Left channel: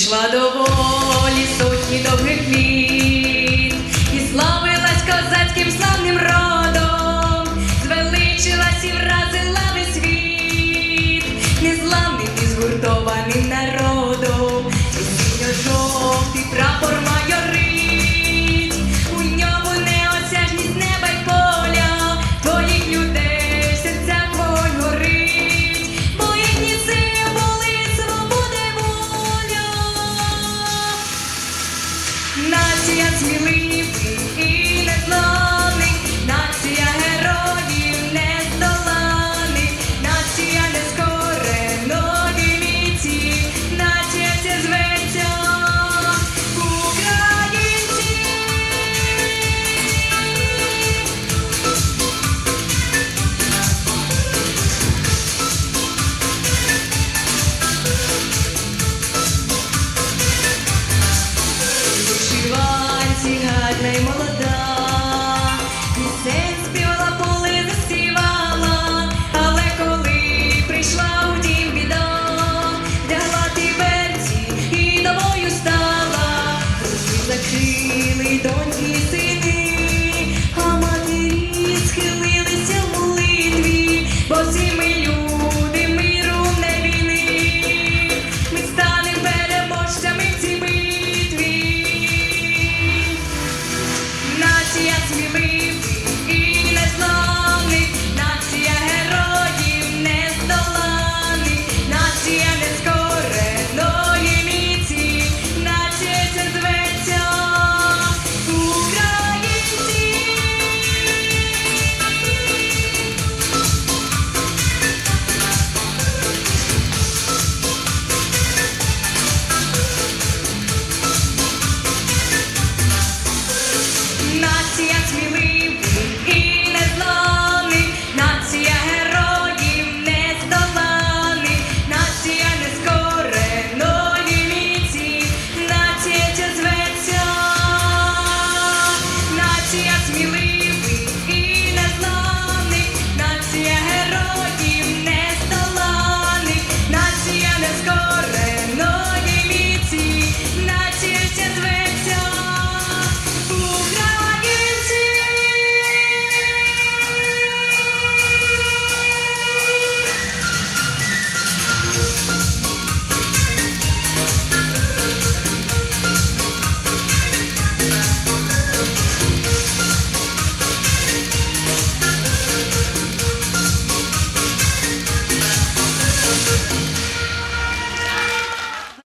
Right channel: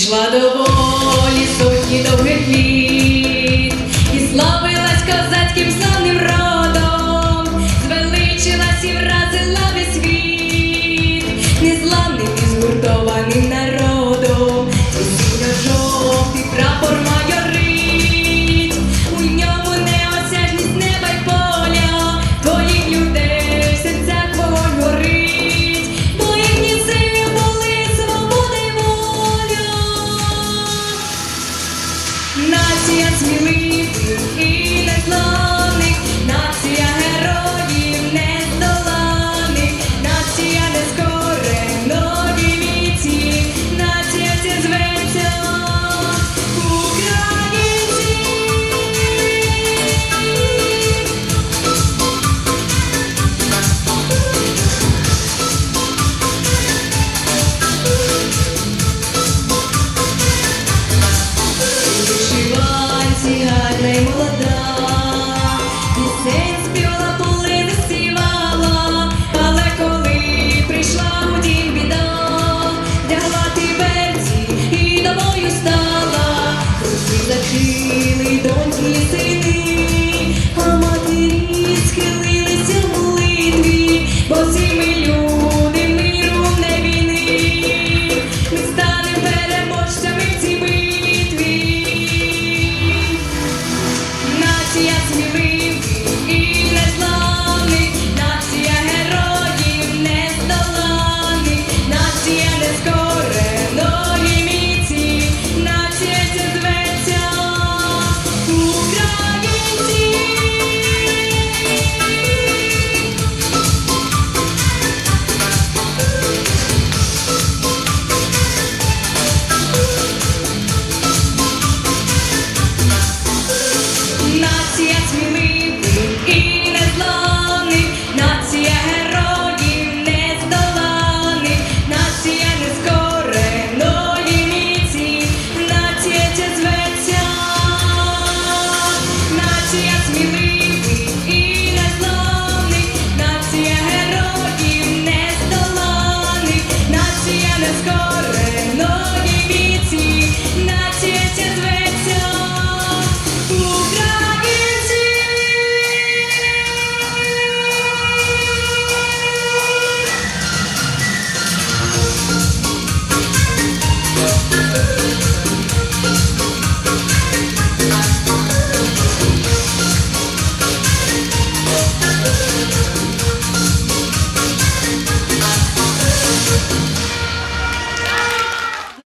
Пішла до волі сотні довгих днів і славилась козацьким славним родом, звеличилась і вразила весь світ, незламним і згуртованим народом. Yes, we